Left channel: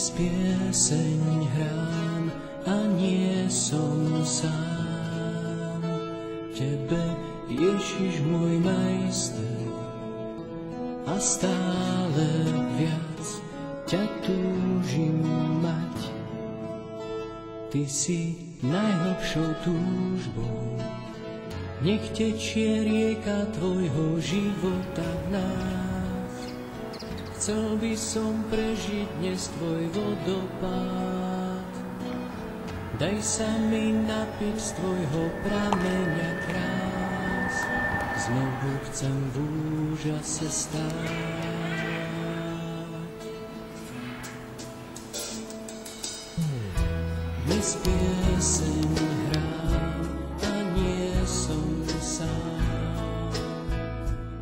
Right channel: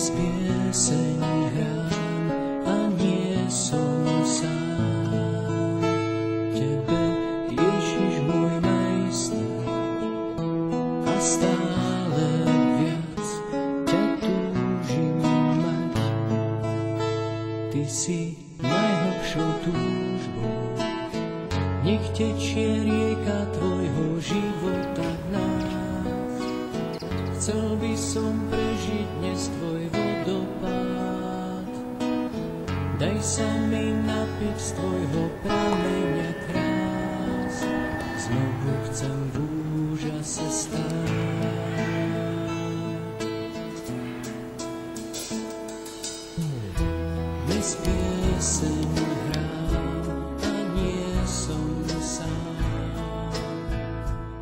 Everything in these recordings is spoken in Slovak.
Dnes pieseň hrám a nie som sám. Tebe, Ježiš môj majster, a stále viac ťa túžim mať. Ty si najhlbšou túžbou, nech tečie rieka tvojho života v nás. Chcel by som prežiť dnes tvoj vodopád. Daj sa mi napiť z tvojho prameňa krás. Znovu chcem v úžase stáť. Dnes pieseň hrám a nie som sám.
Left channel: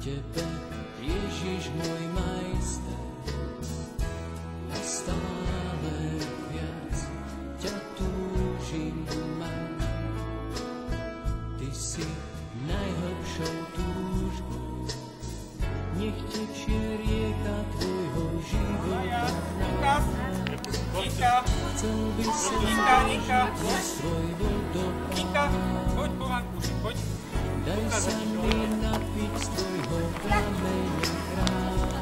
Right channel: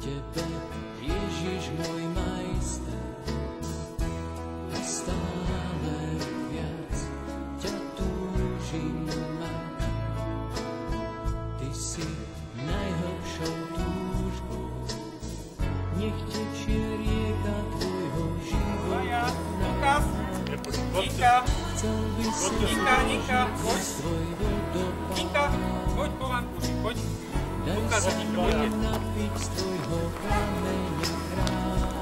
Tebe, Ježiš môj majster, a stále viac ťa túžim mať. Ty si najhlbšou túžbou, nech tečie rieka tvojho života v nás. Chcel by som prežiť dnes tvoj vodopád. Poď po vankuši, poď. Daj sa mi napiť z tvojho prameňa krás.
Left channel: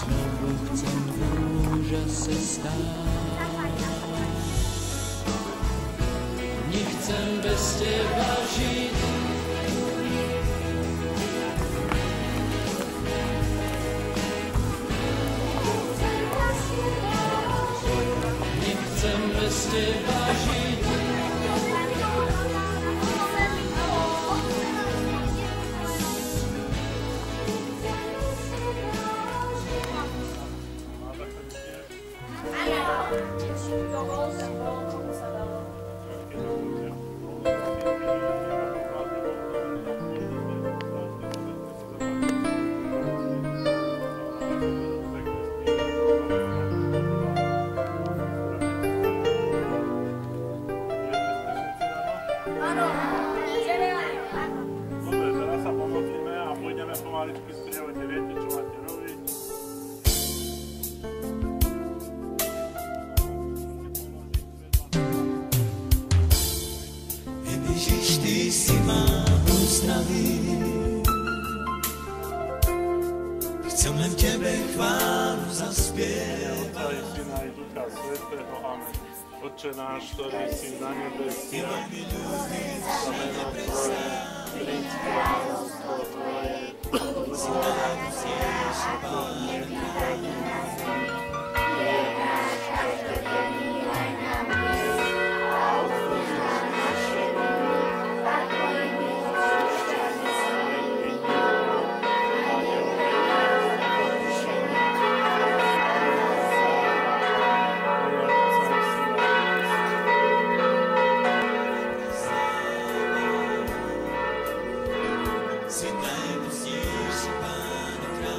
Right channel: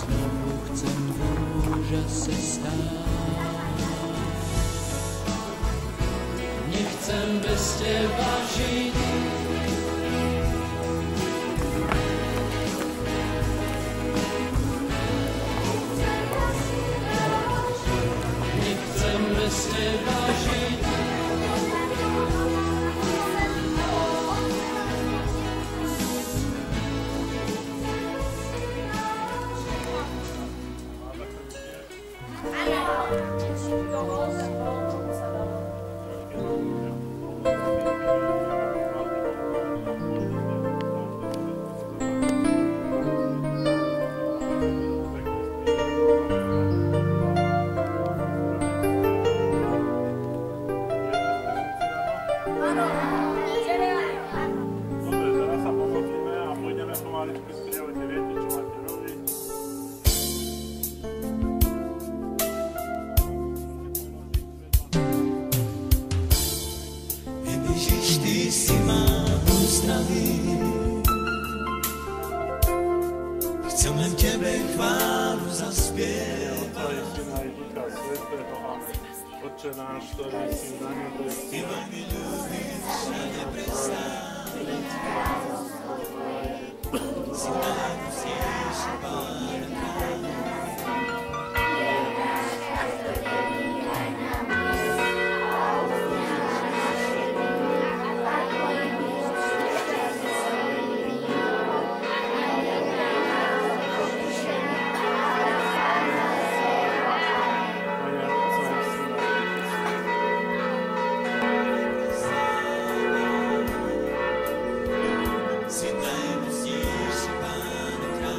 Znovu chcem v úžase stáť. Nechcem bez teba žiť. Nechcem bez teba žiť. Dobre, teraz sa pomodlíme a pôjdeme pomaličky strievať, viete, čo máte robiť. Ježiš, ty si ma uzdravil. Chcem len tebe chválu zaspievať. Otca i Syna i Ducha Svätého. Amen. Otče náš, ktorý si na nebesiach, Ty veľmi ľúbiš a neprestávaj. Si najmocnejší Pán kráľ. Si najmocnejší Pán kráľ.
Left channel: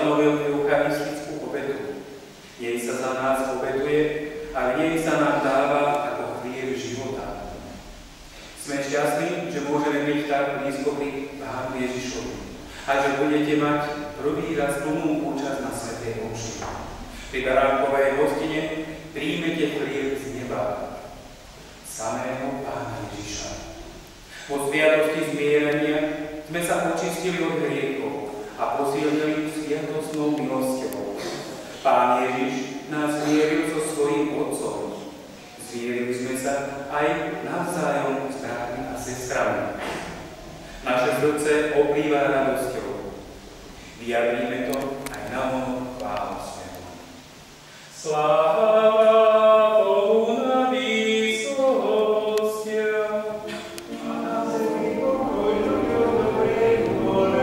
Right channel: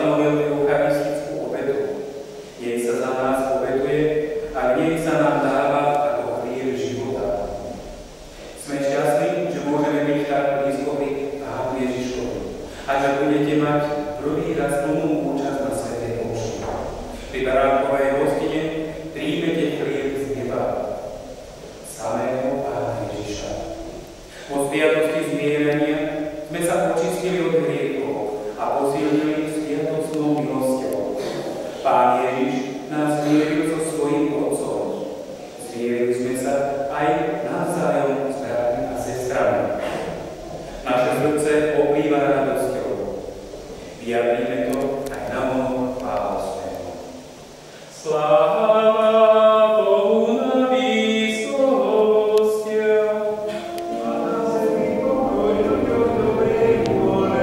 ustanovil eucharistickú obetu. Jej sa za nás obetuje a nej sa nám dáva ako chlieb života. Sme šťastní, že môžeme byť tak blízko pri Pánu Ježišovi a že budete mať prvý raz plnú účasť na svätej omši. Pri baránkovej hostine príjmete chlieb z neba, samého Pána Ježiša. Po sviatosti zmierenia sme sa očistili od hriechov a posilnili sviatostnou milosťou. Pán Ježiš nás zmieril so svojím Otcom. Zmierili sme sa aj navzájom s bratmi a sestrami. Naše srdce oplýva radosťou. Vyjadríme to aj na vonok chválospevom. Sláva Bohu na výsostiach a na zemi pokoj ľuďom dobrej vôle.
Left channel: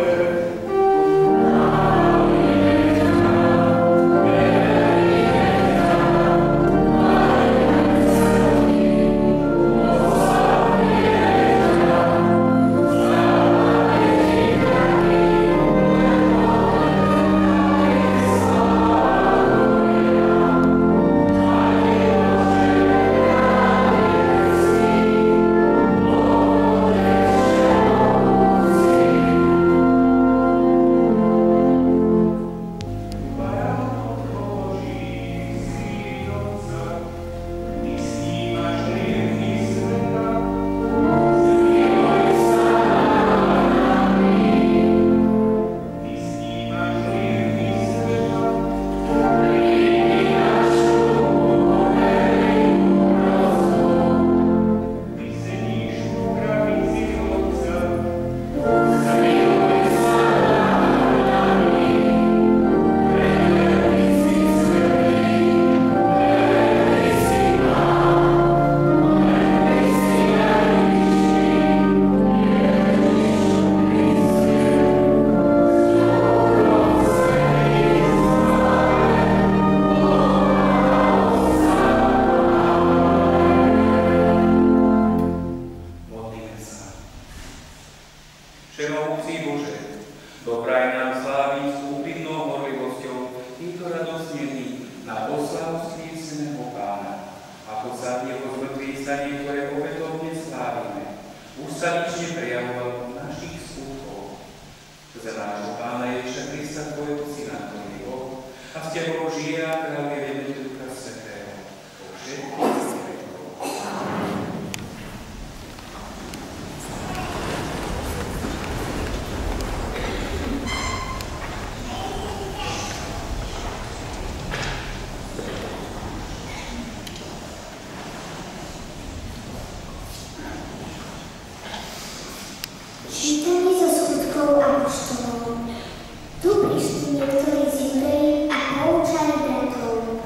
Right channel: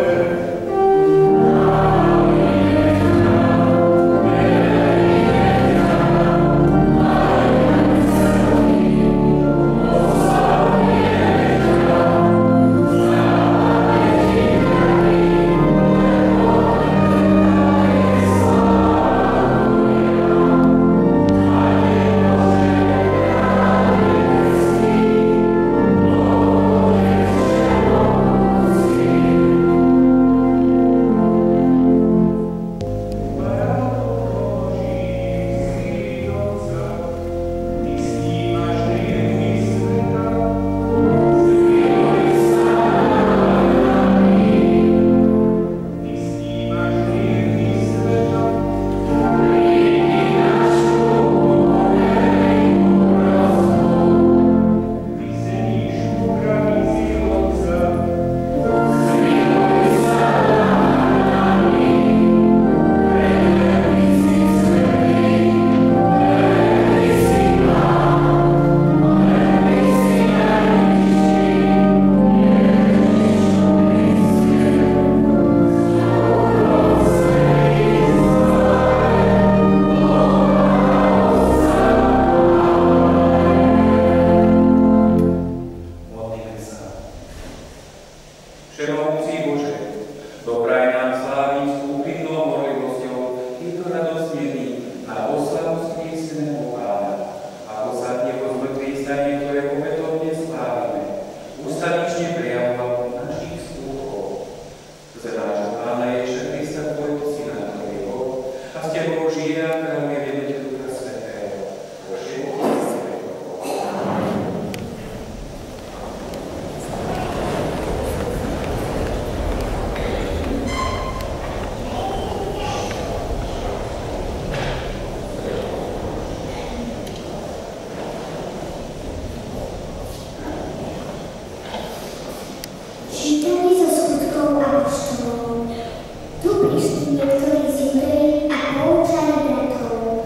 Tu prišli niektorí z Judei a poučali bratov.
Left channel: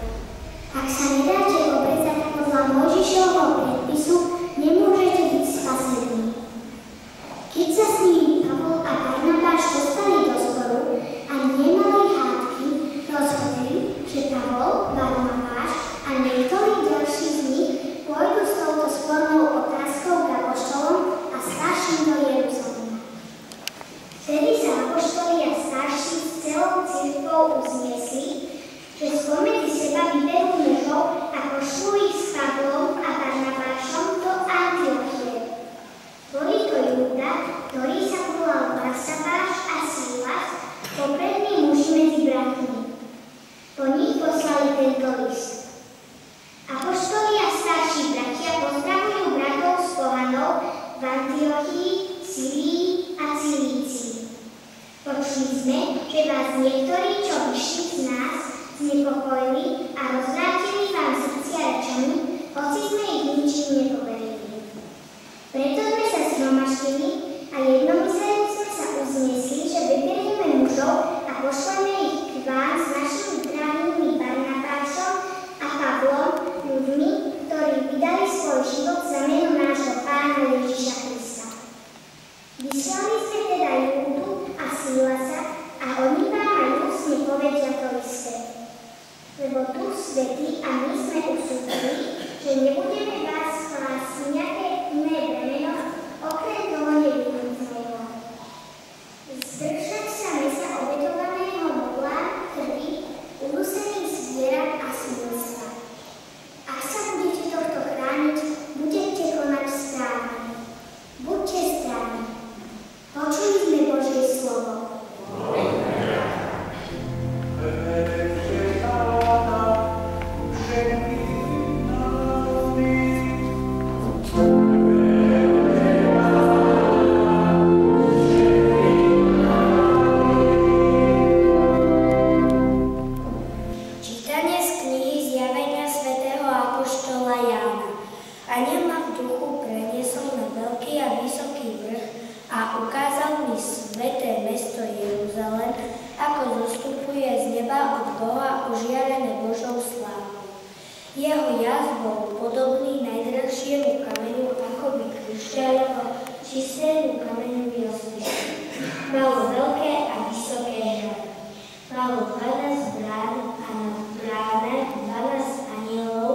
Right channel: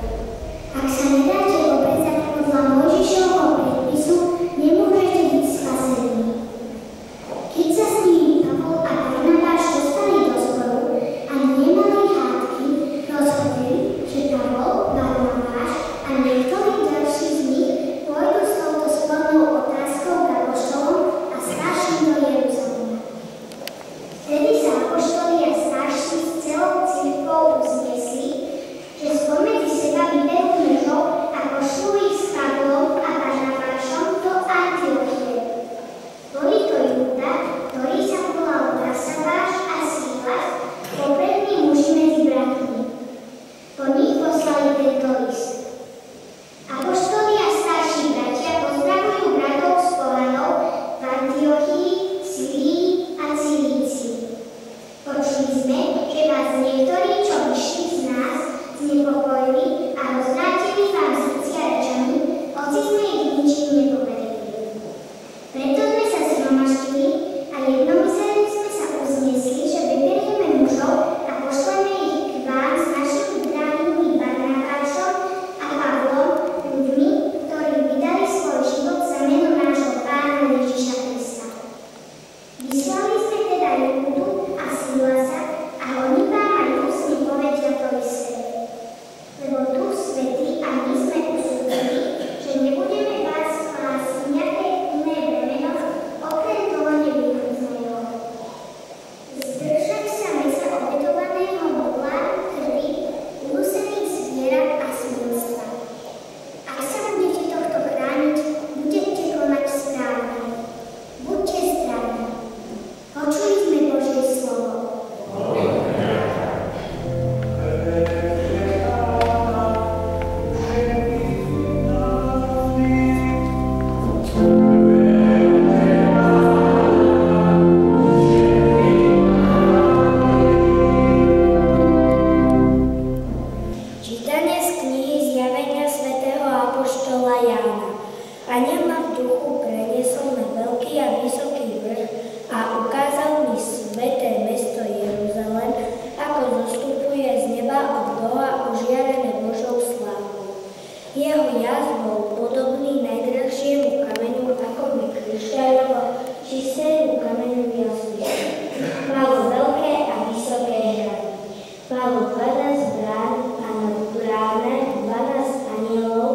12 brán a nad bráne 12 anielov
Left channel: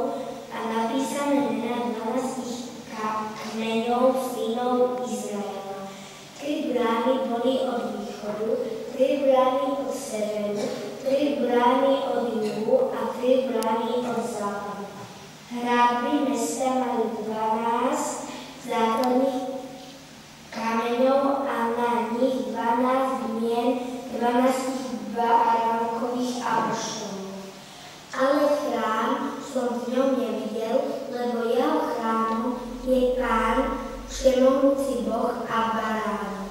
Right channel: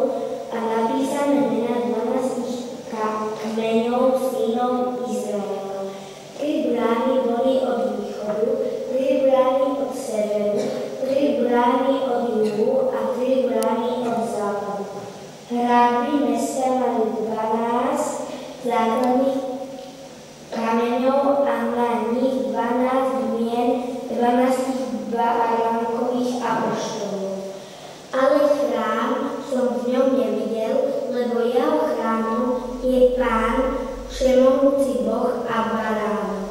a napísané mená 12 kmeňov synov Izraela. 3 brány boli od východu, 3 brány od severu, 3 brány od juhu a 3 brány od západu. Hradby mesta mali 12 základných kameňov a na nich 12 mien 12 baránkových apoštolov. Ale chrám som v ňom nevidel, lebo jeho chrámom je Pán, všemohúci Boh a baránok.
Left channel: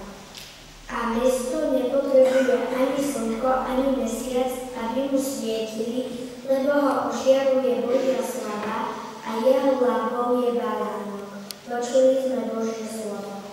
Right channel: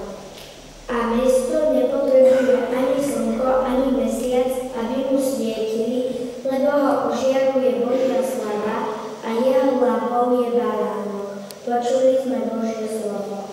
A mesto nepotrebuje ani slnko, ani mesiac, aby mu svietili, lebo ho ožiaruje Božia slava a jeho hlavou je baránok. Počuli sme Božie slovo.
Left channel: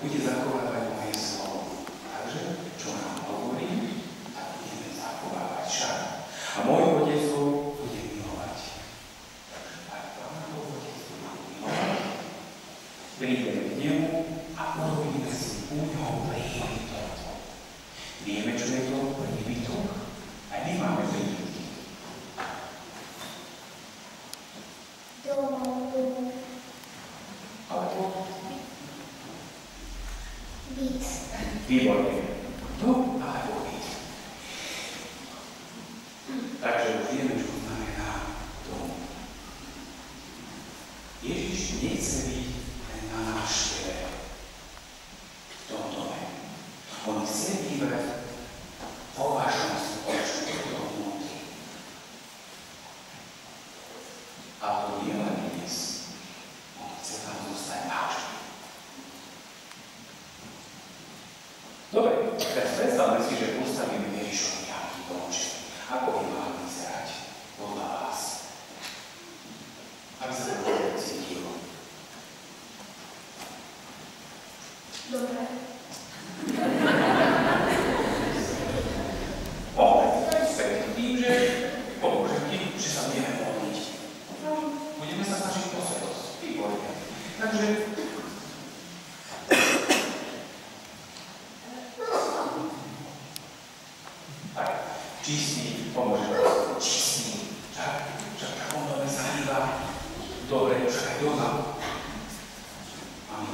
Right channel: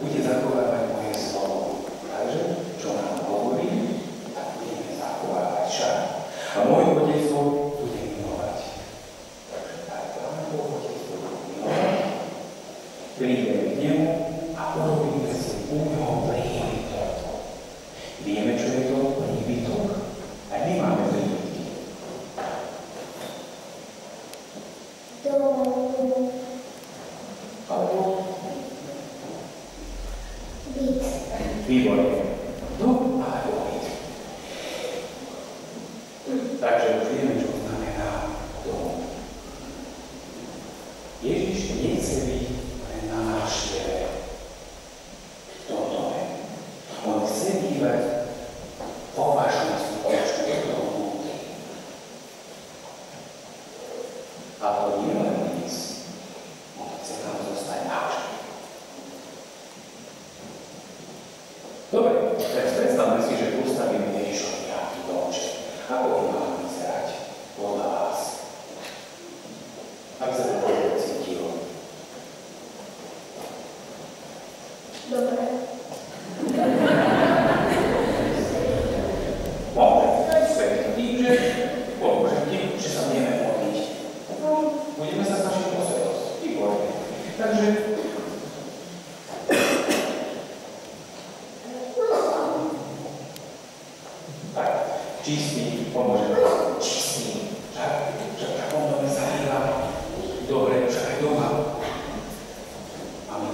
Bude zachovávať moje slovo. Takže, čo nám dom alebo byt. Takže už vieme, čo znamená dom. Ježiš nechce byť len na návšteve v tom dome. On chce bývať vo vašom srdečku, vnútri. A to nie len dnes. On chce tam zostať navždy. Dobre, tak predstavme si, že postavíme Ježišovi nejaký domček. Ako by mal vyzerať podľa vás? Ak sa to cítil. Dobre. Tým, že pomôžem ti, že sa budeme modliť. Budeme sa snažiť posvetosť. Výborne. Takže tak, čistý, pomôžeme. Čistý. Však on to nezahýva. Dobre, však aj doma. Máme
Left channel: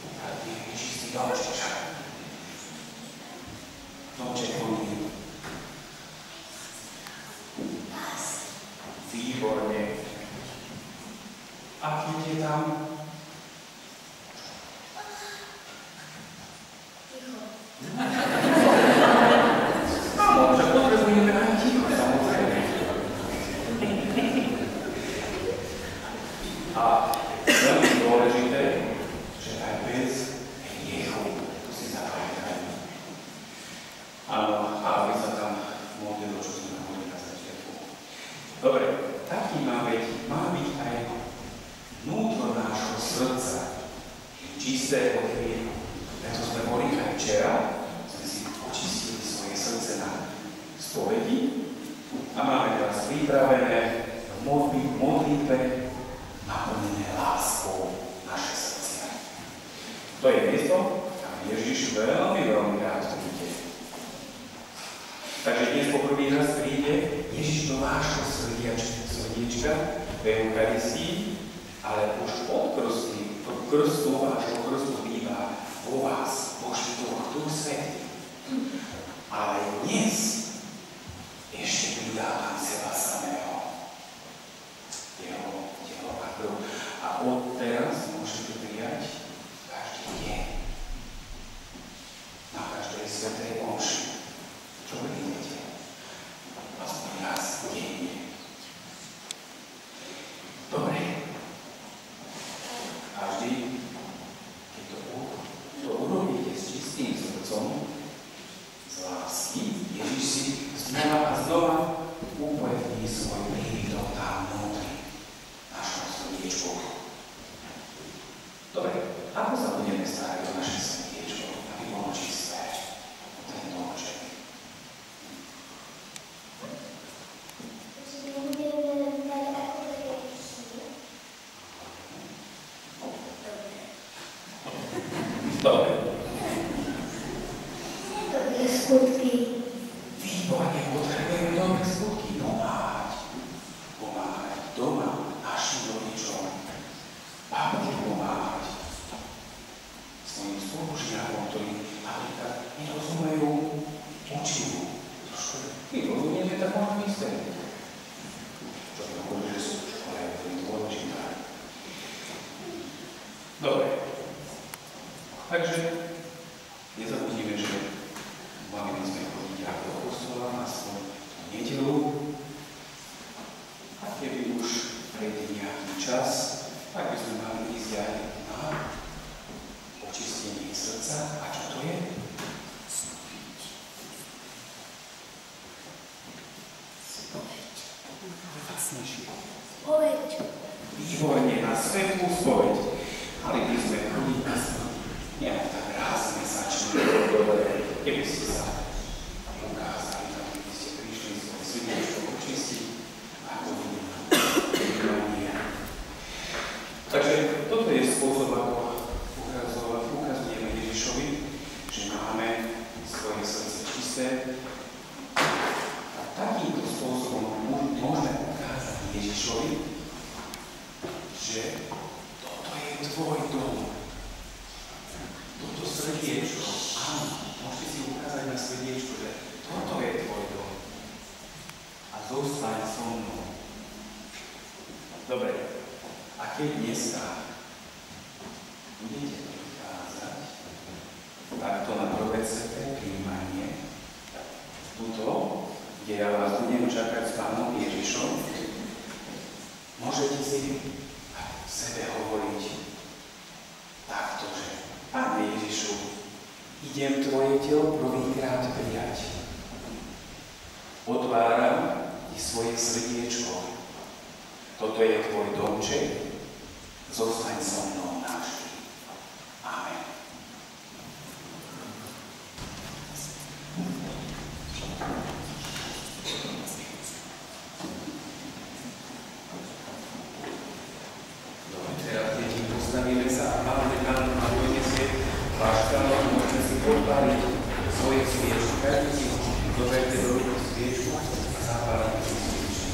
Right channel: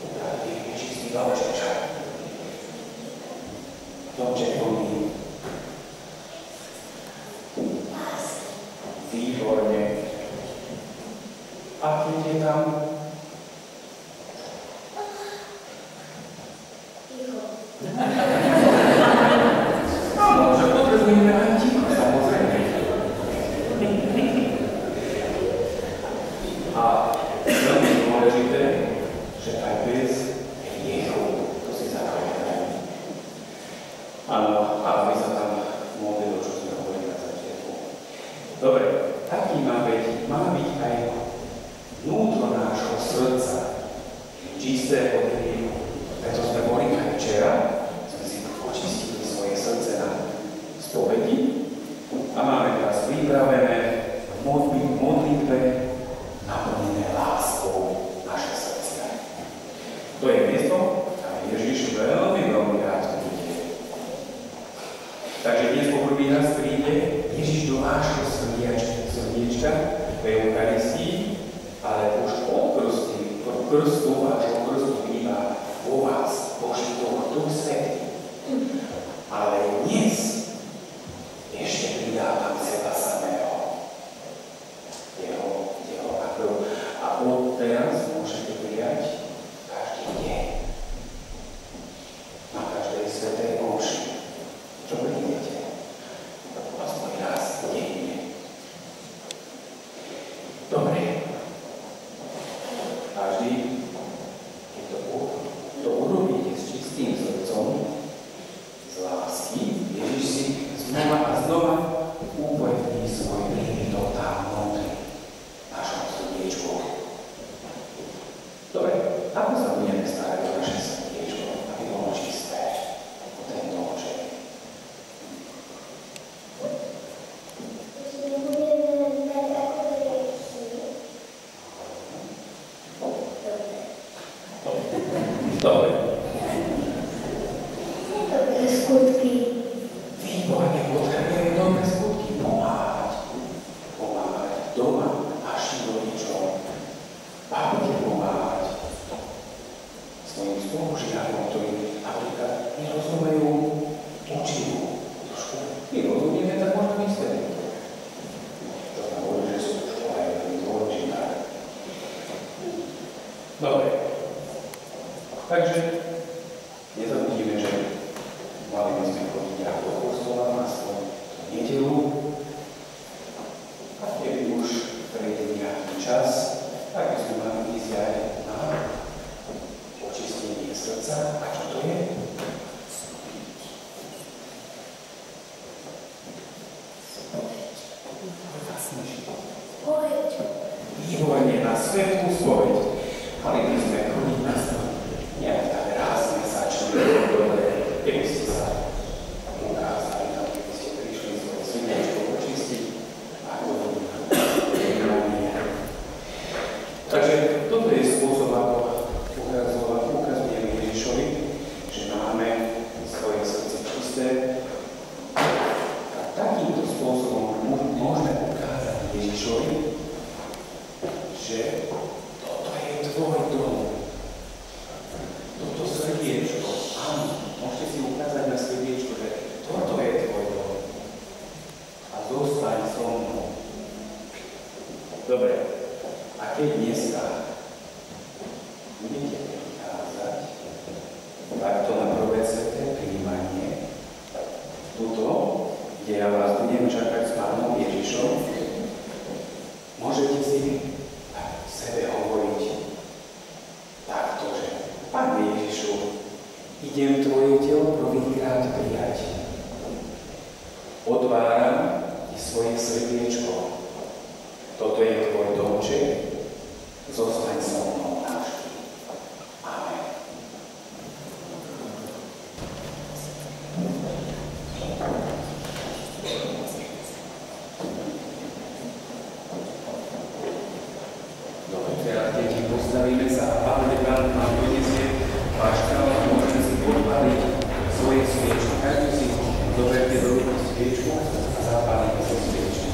upraviť čistý domček, však. Domček plný. Výborne. A keď je tam? Ticho. Áno, že potrebujeme aj ticho, samozrejme. A veľmi dôležité, že aj bez hriechu, to si zapamätajme. Áno, a my sa tam modlili, čo sme hovorili na začiatku. Dobre, taký má byť aj vnútro nášho srdca, čisté od hriechu. Preto sme boli aj včera, sme si očistili svoje srdce na spovedi a máme teraz pripravené v modlitbe naplnené láskou naše srdcia. To je miesto, kam Ježiš veľmi rád príde. Takže dnes poprvý raz príde Ježiš do vášho srdiečka, do Eucharistii, ale už od krstu vášho krstu býva vo vás, Boží Duch Svätý. Ale dnes ešte pridávam seba samého. Jeho telo a krv. A od teraz môžete prijať každý deň. Na každej svätej omši. Čo prídete? Aspoň raz denne. Dobre. Každý, keď to urobíte s čistým srdcom, z lásky, Ježiš si znova a znova upevní svoj príbytok tam vnútri, v našom srdiečku. Dobre, ako sa budeme starať o naše srdiečko, aby bolo čisté, o ten domček? Nebudeme mať ako hriechy. Dobre. Dobré skutky. Výborne, potrebujeme dobré skutky. Pomáhať doma našim rodičom. Babke pomáhať svojim spolužiakom, ktorí napríklad nerozumejú učivu. Trošku nerozumieme, tak možno vysvetliť. To znamená, že sú v škole veľmi dôležité. Dobre. Takže nezabudíme, že mali by sme chodiť aj do kostola na svoju nedeľu. A keby už prejde nejaký čas, tak by sme mali ísť aj na očistenie srdca. A čo to je? Spoveď. Výborne, na svetú spoveď. Mali by sme chodiť na spoveď. Nejak tak raz mesačne, dobre, keby ste sa ukázali, keby ste prišli svoje srdiečko očistiť, ako vnímanie. Takže toto je spôsob, ako ukazujeme Ježišovi, že máme svoje srdce čisté. A takýmto spôsobom môžeme ukázať Ježišovi, že toto je tvoj dom. Toto srdiečko, áno, môžete si ukázať keď ja vás budem čakať s Pánom Ježišom, môžete si sebe hovoriť takto, že Pane Ježišu, idem tvoje telo prvýkrát prijať. Otváram ti svoje srdiečko. Toto je tvoj domček. Zostaň so mnou navždy. Amen. Dobre, teraz deti, postavíme sa a Pán Dekán nám donesie váš kanál, môžete si podpaliť svoje sviečky. Každý si doberte do ruky sviečku a zapálite do sviečky.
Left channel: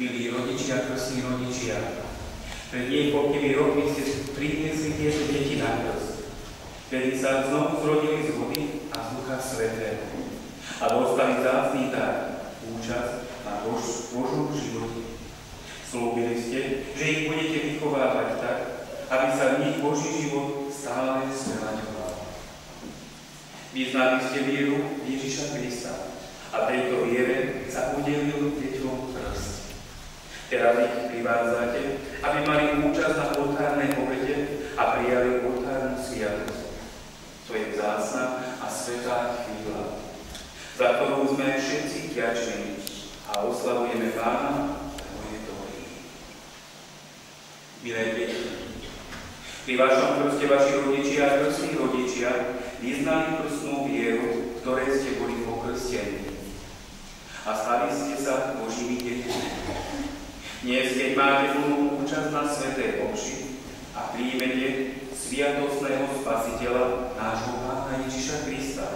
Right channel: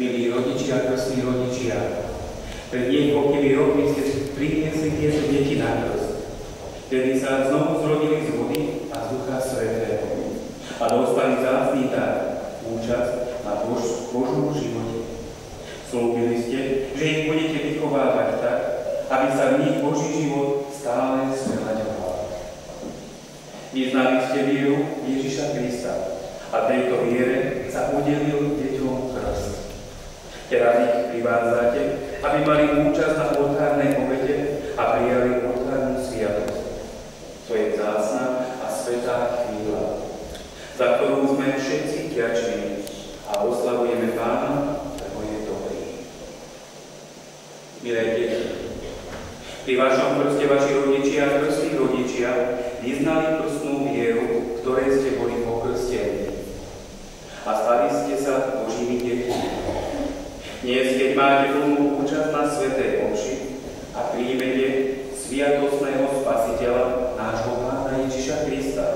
Milí rodičia, krstní rodičia, pred niekoľkými rokmi ste priniesli tieto deti na krst, kedy sa znovu zrodili z vody a z Ducha Svätého a dostali vzácny dar, účasť na Božom živote. Slúbili ste, že ich budete vychovávať tak, aby sa v nich Boží život stále zveľaďoval. Vyznali ste vieru Ježiša Krista a tejto viere sa udelil deťom krst. Teraz ich privádzate, aby mali účasť na oltárnej obete a prijali oltárnu sviatosť. To je vzácna a svätá chvíľa, za ktorú sme všetci vďační a oslavujeme Pána, lebo je dobrý. Milé deti, pri vašom krste vaši rodičia a krstní rodičia vyznali krstnú vieru, ktorej ste boli pokrstení a stali ste sa Božími deťmi. Dnes, keď máte plnú účasť na svätej omši a príjmete sviatostného Spasiteľa, nášho Pána Ježiša Krista,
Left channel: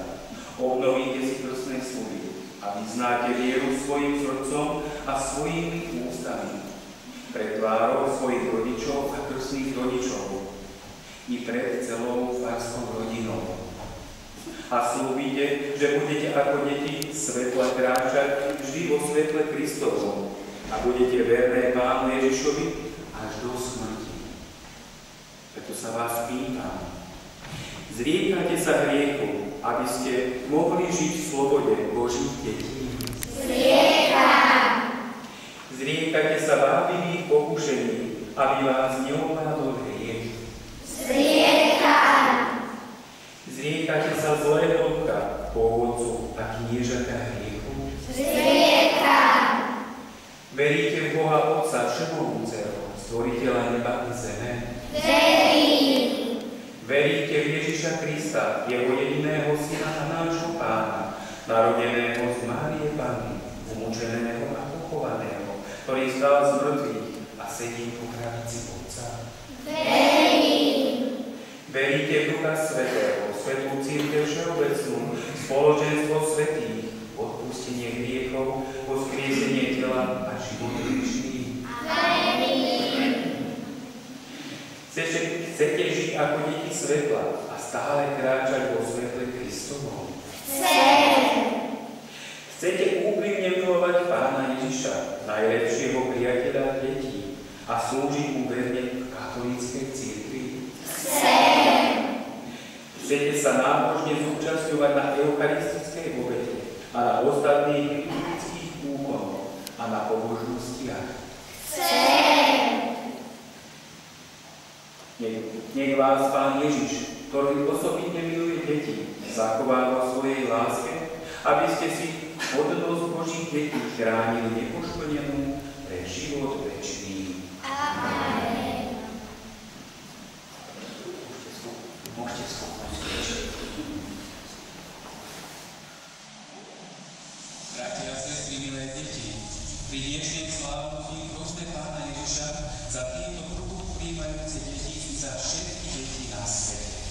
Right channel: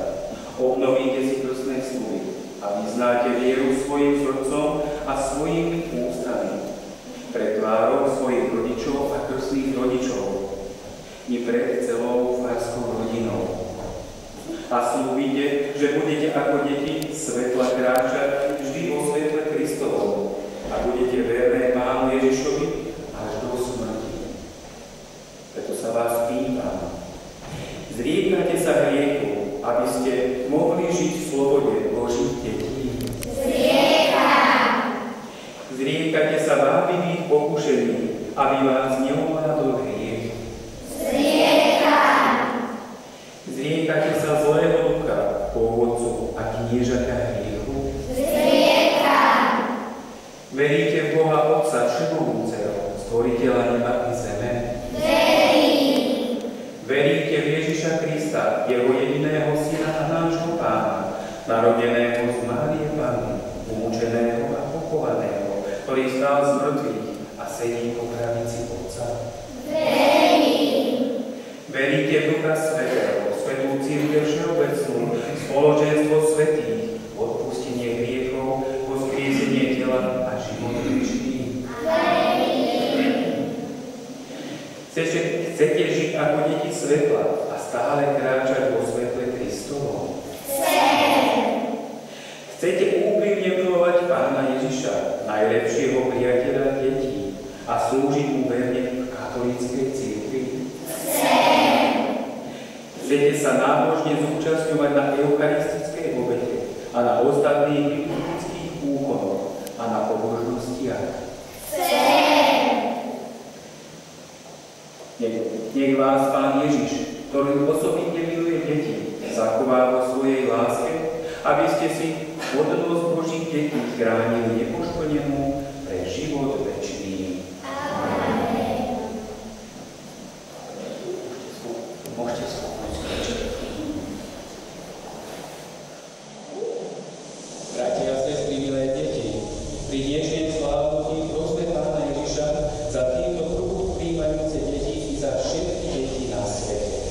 obnovíte si krstné sľuby a vyznáte vieru svojim srdcom a svojimi ústami pred tvárou svojich rodičov a krstných rodičov i pred celou farskou rodinou. A slúbite, že budete ako deti svetla kráčať vždy vo svetle Kristovom a budete verné Pánu Ježišovi až do smrti. Preto sa vás pýtam, zriekate sa hriechu, aby ste mohli žiť v slobode Božích detí? Zriekam! Zriekate sa vábivých pokušení, aby vás neovládol hriech? Zriekam! Zriekate sa zlého ducha, pôvodcu a kniežaťa hriechu? Zriekam! Veríte v Boha Otca Všemovúceho, Stvoriteľa neba i zeme? Verím! Veríte v Ježiša Krista, jeho jediného Syna a nášho Pána, narodeného z Márie Panny, umúčeného a pochovaného, ktorý stál z mŕtvych a sedí po pravici Otca? Verím! Veríte v Ducha Svätého, Svätú Cirkev všeobecnú, spoločenstvo svätých, odpustenie hriechov, vzkriesenie tela a život večný? Chcete žiť ako deti svetla a stále kráčať vo svetle Kristovom? Chcete úprimne milovať Pána Ježiša, najlepšieho priateľa detí, a slúžiť mu verne v katolíckej cirkvi? Chcete sa nábožne zúčastňovať na eucharistickej obete a na ostatných kritických úkonoch a na pobožnostiach? Nech vás Pán Ježiš, ktorý osobitne miluje deti, zachová vo svojej láske, aby ste si hodnosť Božích detí chránili nepoškodenú pre život večný. Amen. Môžete schopnosť kričať. Bratia a sestry, milé deti, pri dnešnej slávnosti prosme Pána Ježiša za týmto kruhu príjmajúce deti i za všetky deti na svete.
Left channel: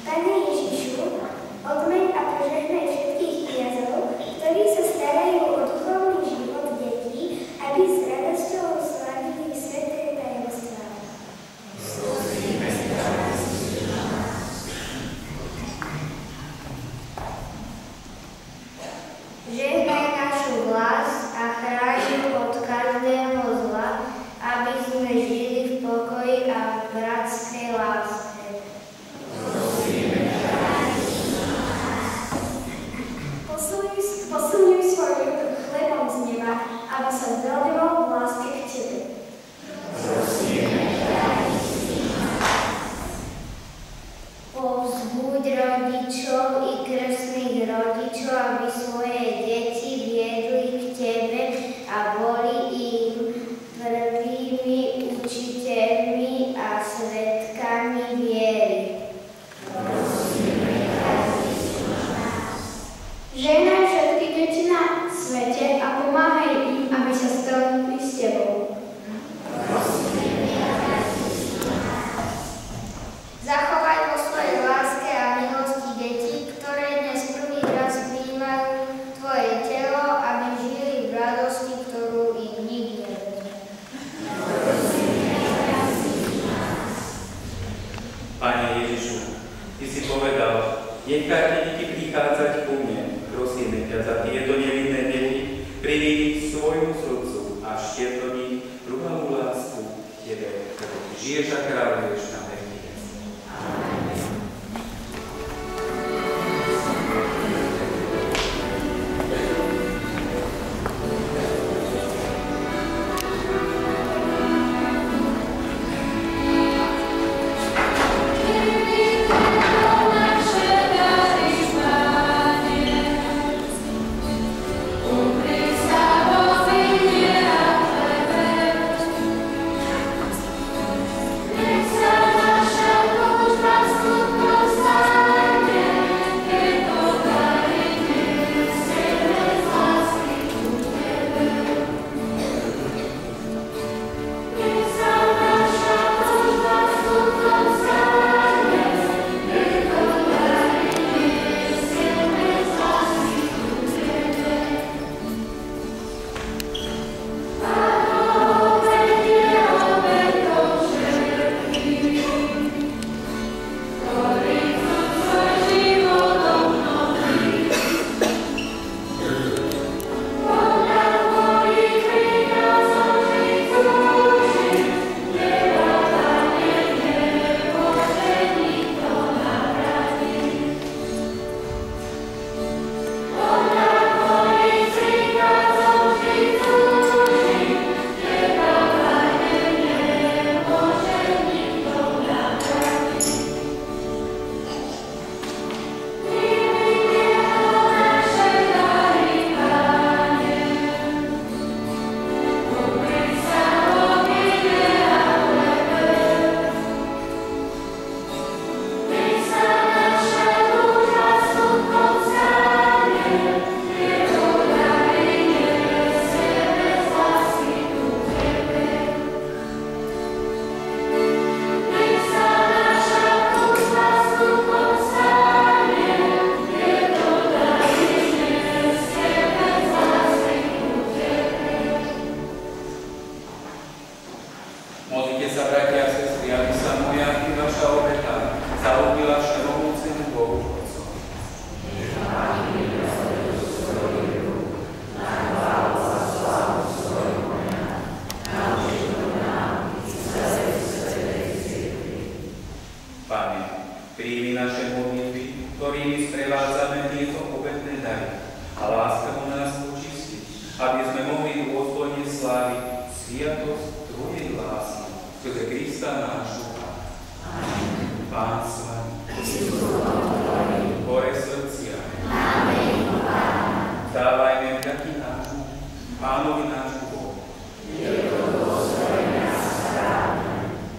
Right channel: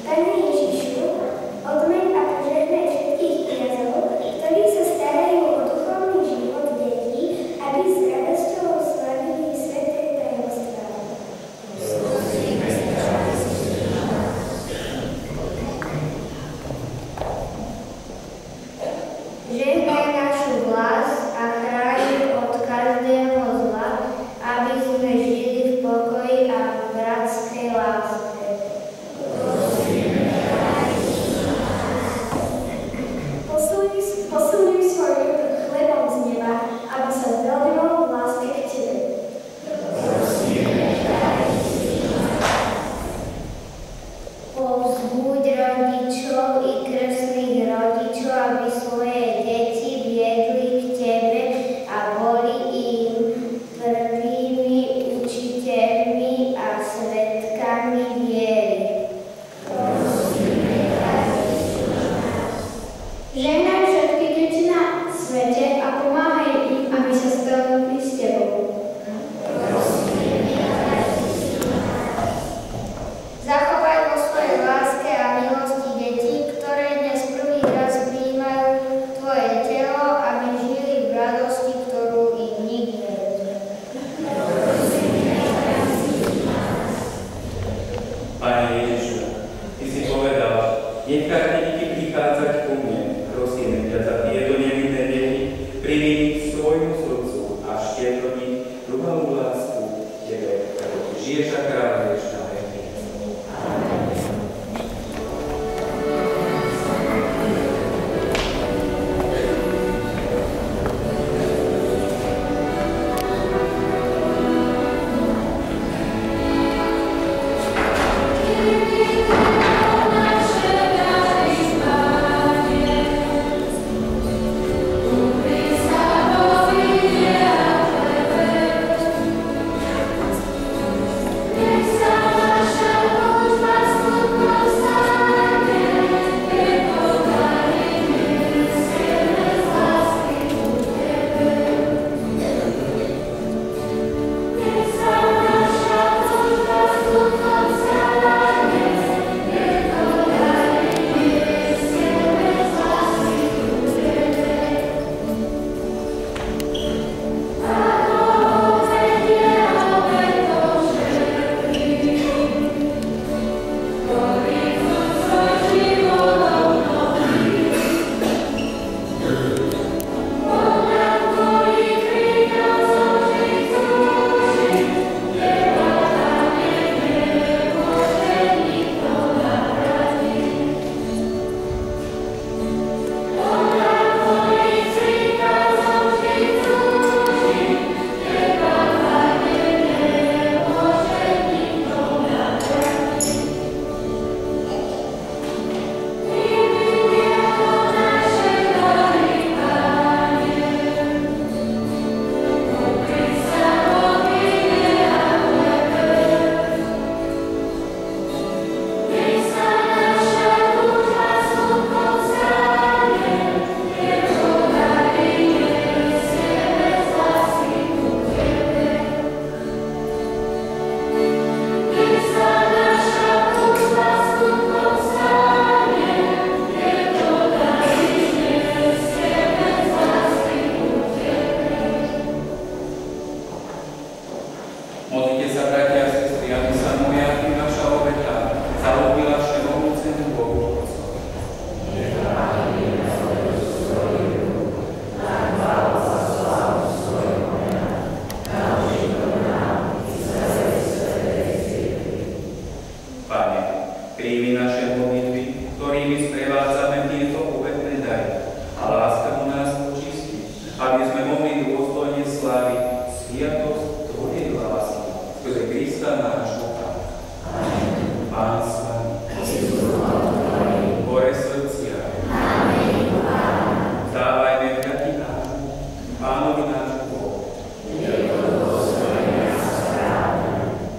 Pane Ježišu, odmeň a požehnaj všetkých kňazov, ktorí sa starajú o duchovný život detí, aby s radosťou slavili sväté tajomstvá. Žehnaj našu vlast a chráň od každého zla, aby sme žili v pokoji a v bratskej láske. Posilňuj svoj ľud chlebom z neba, aby sa zveľňoval v láske k Tebe. Povzbuď rodičov i krstných rodičov, aby svoje deti viedli k Tebe a boli im prvými učiteľmi a svedkami viery. Žehnaj všetky deti na svete a pomáhaj im, aby sa stretli s Tebou. Zachovaj vo svojej láske a milosti deti, ktoré dnes prvý raz prijímajú Tvoje telo, aby žili v radosti, ktorú im nik nevezme. Pane Ježišu, Ty si povedal, nechajte deti prichádzať ku mne. Prosíme ťa za tieto nevinné deti, privíj svojmu srdcu a štieť do nich druhú lásku Tebe, ktorú Ty žiješ a kráľuješ na veky. Nech sa sviatosť Tvojej lásky, skrze Krista nášho Pána. Pán s vami. Hore srdcia. Vzdávajme vďaky nášmu, Pánovi nášmu Bohu.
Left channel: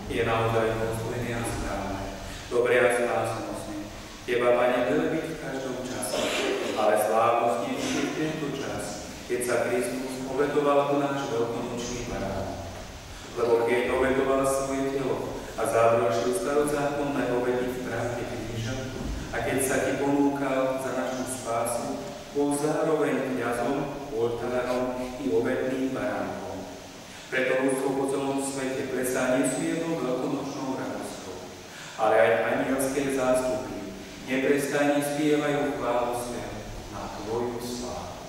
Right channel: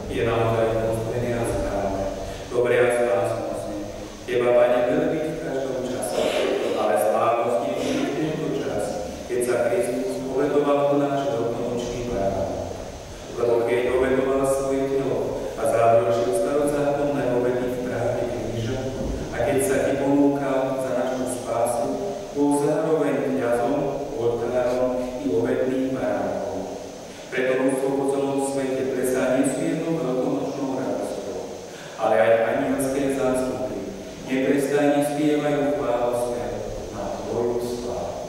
Je naozaj dôstojné a správne, dobré a spásnostné. Teba, Pane, veľbiť v každom čase, ale slávnostne v tento čas, keď sa Kristus obetoval po náš veľkonočný barán. Lebo keď obetoval svoje telo a završil starozákonné obety v pravde kríža, a keď sa ti ponúkal za našu spásu, bol zároveň kňazom, oltárom i obetným baránom. Preto ľudstvo po celom svete presá nesmiernou veľkonočnou radosťou, ale aj anielské zástupy neprestajne spievajú chválospev na Tvoju slávu.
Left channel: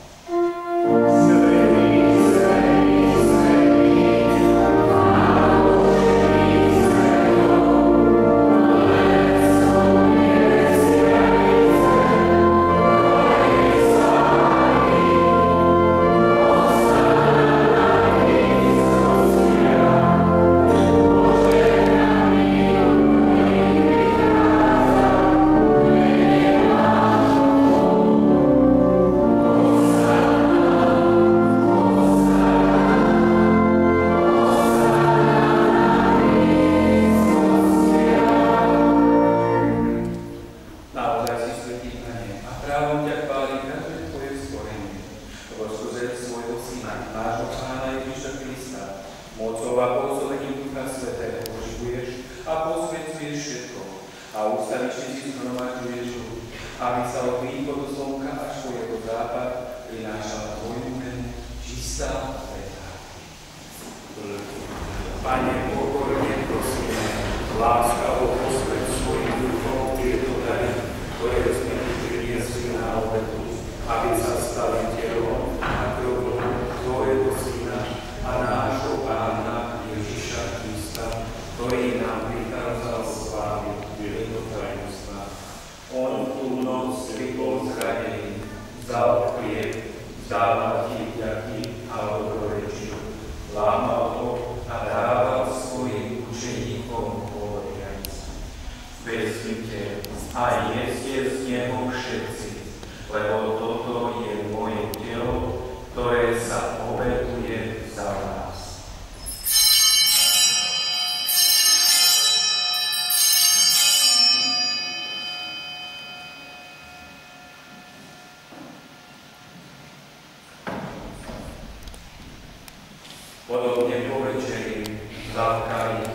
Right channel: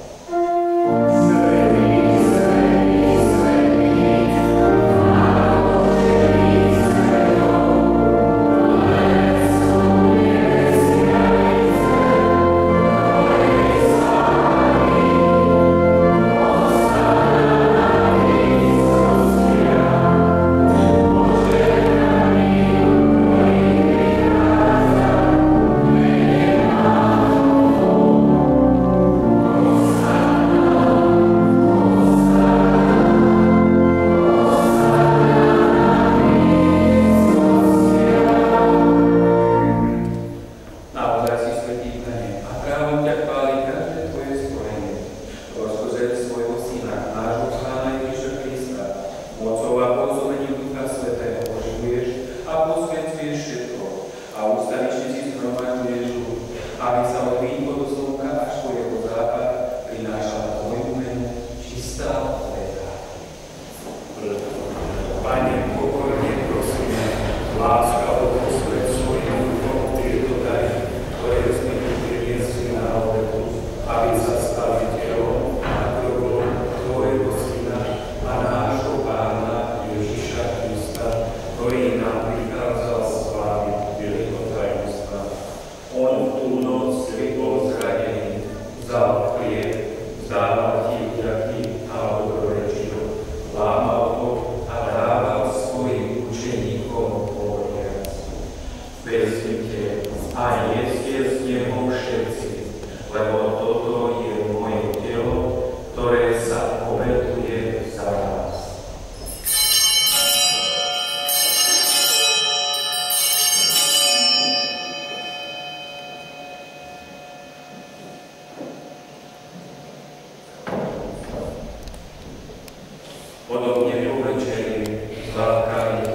Podobne po večeri zlákali,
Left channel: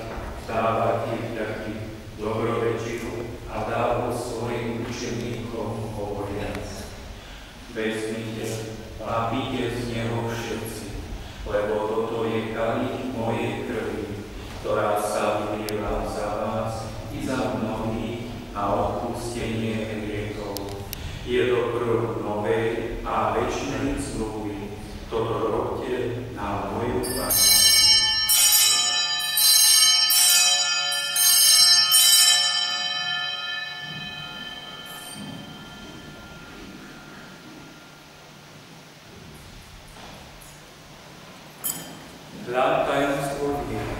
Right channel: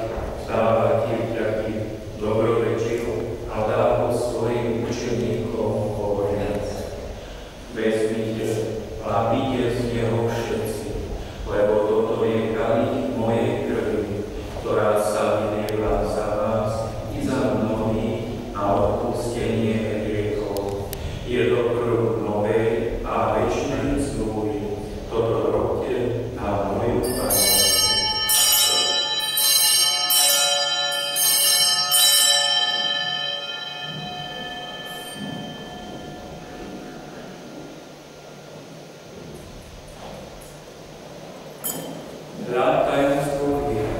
dáva ti vďaky, dobrorečil a dával svojim učeníkom hovoriac. Vezmite a píte z neho všetci, lebo toto je kalich mojej krvi, ktorá sa vylieva za vás i za mnohých na odpustenie hriechov. Je to krv novej a večnej zmluvy. Toto robte na moju pamäť. Tajomstvo viery.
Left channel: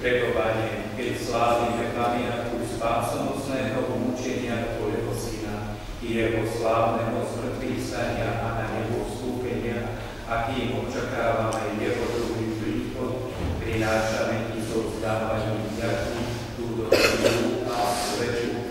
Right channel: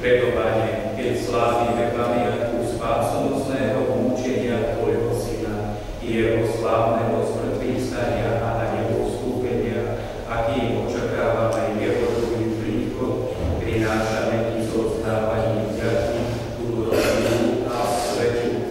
Preto, Pane, keď slávime pamiatku spásonosného umúčenia Tvojho Syna i jeho slávneho zmŕtvychvstania a na nebo vstúpenia, akým očakávame jeho druhý príchod, prinášame Ti so vzdávaním vďaky, túto a svedču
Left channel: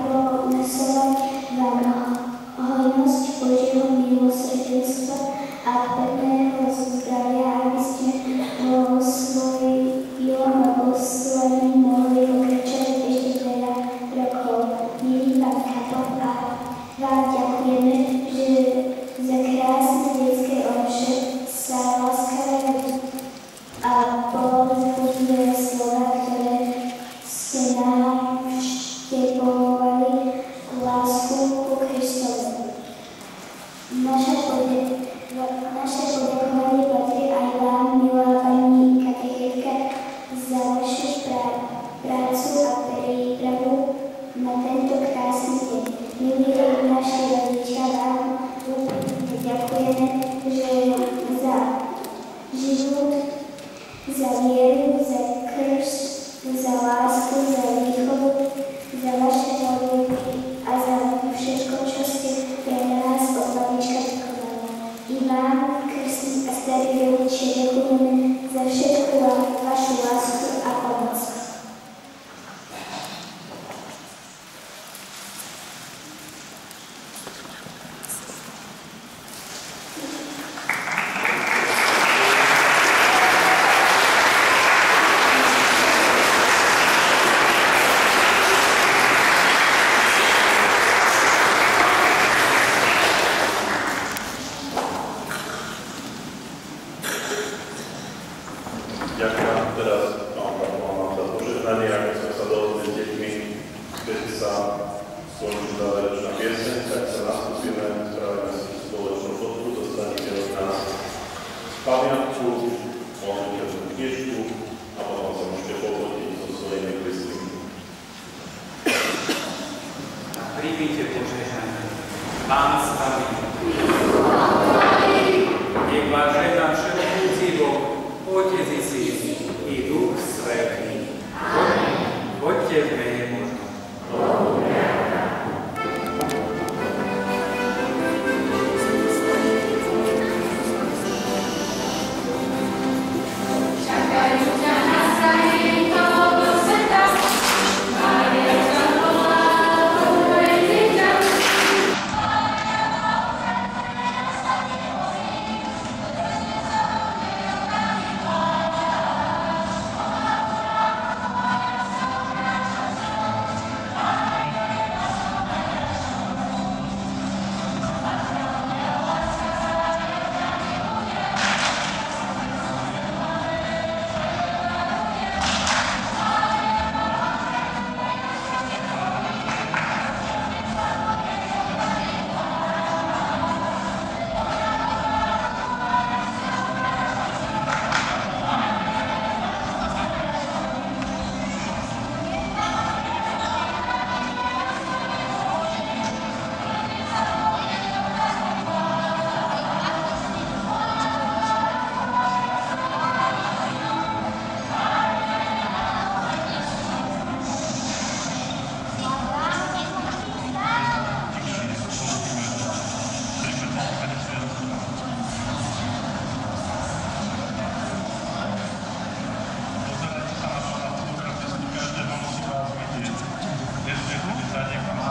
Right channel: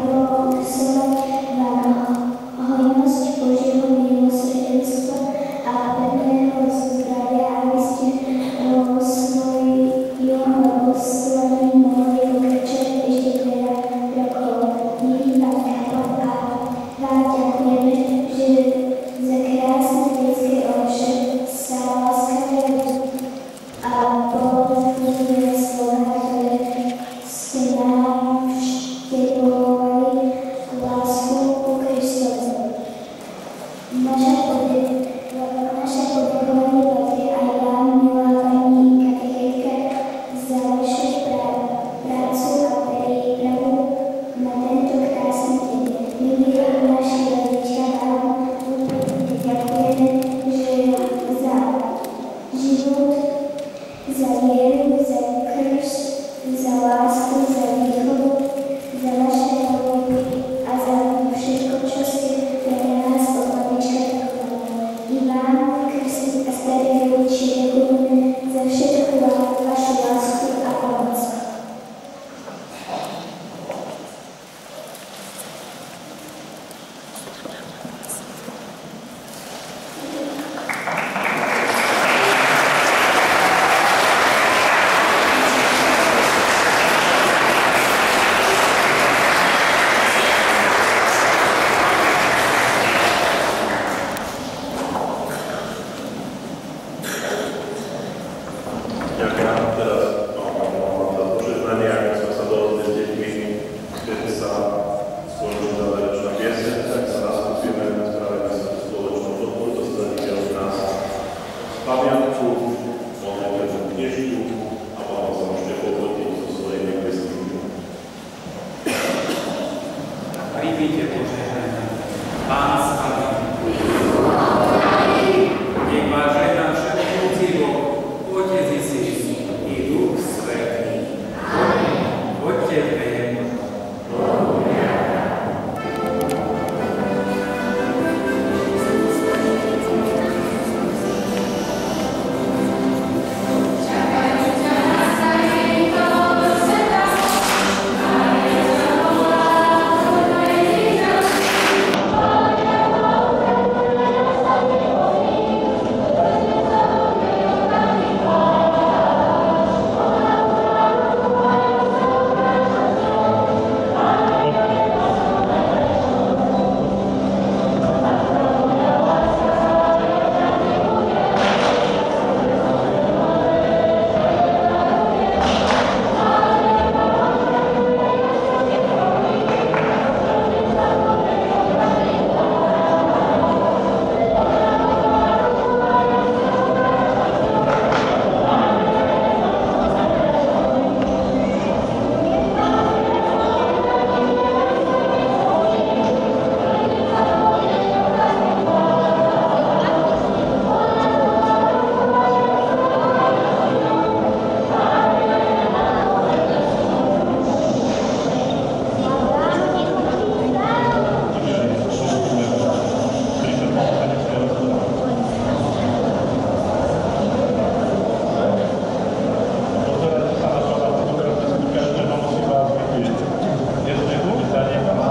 prosovať vám hojnosť Božieho milosrdenstva a pevného zdravia, aby ste vo svojom oslaví mohli pokračovať ešte veľa rokov. Milý pán kaplan, a vám ďakujeme, že za krásne detské oče sa láskavé a povzbudivé slova, ktoré ste nám vštiepovali lásku ku Kristovi. Naše poďakovanie patrí aj vám, milá pani katechetka, za vašu prácu a prípravu na tento krásny deň. Milí naši rodičia, vám úplne ďakujeme, že za život, za vieru, za krst, za lásku, za výchovu, za vaše modlitby a za všetko, čo ste pre nás od malička vychovali. I vám, krstní a starí rodičia, ďakujeme za všetku vašu lásku a pomoc. Ďakujem vám teraz, vám za požehnanie, ako sme sa dohodli s deťmi, keď sa skončí záverečná pieseň, tak sa nastúpime, spravíme si spoločnú fotku, dostanete od nás pamiatku, môžete tú knižku a potom sa môžete pofotiť so svojimi blízkymi. Príjmite požehnanie. Pán s vami. Nech vás žehná všemohúci Boh, Otec i Syn i Duch Svätý. Poďte v mene Božom. Dnes nechcete sa niekam